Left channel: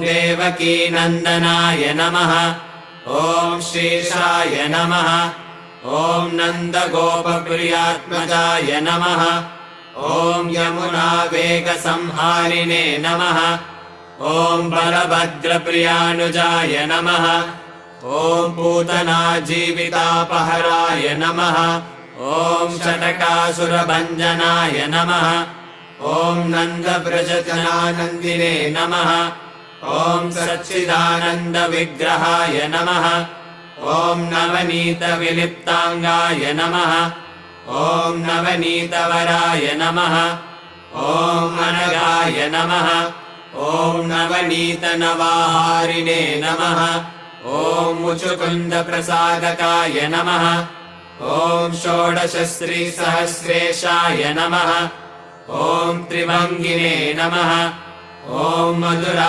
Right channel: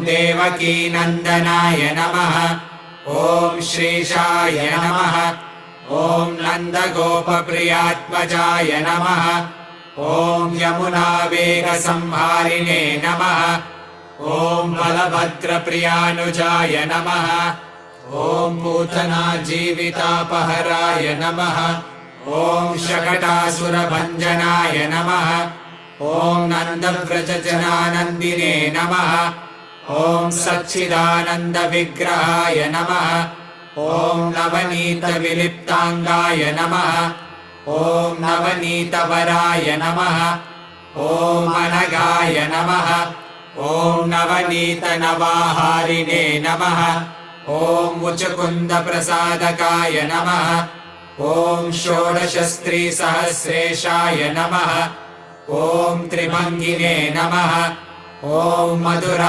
देवकीनन्दनाय नमः। ॐ श्रीशाय नमः। ॐ नन्दगोपप्रियात्मजाय नमः। ॐ यमुनावेगसंहारिणे नमः। ॐ बलभद्रप्रियानुजाय नमः। ॐ पूतनाजीवितापहराय नमः। ॐ षटकासुरभञ्जनाय नमः। ॐ नन्दव्रजजनानन्दिने नमः। ॐ सच्चिदानन्दविग्रहाय नमः। ॐ नवनीतविलिप्ताङ्गाय नमः। ॐ नवनीतवराय नमः। ॐ अनगाय नमः। ॐ नवनीतनवाहारिणे नमः। ॐ मुचुकुन्दप्रसादकाय नमः। ॐ षोडशस्त्रीसहस्रेशाय नमः। ॐ त्रिभङ्गिने नमः। ॐ मधुर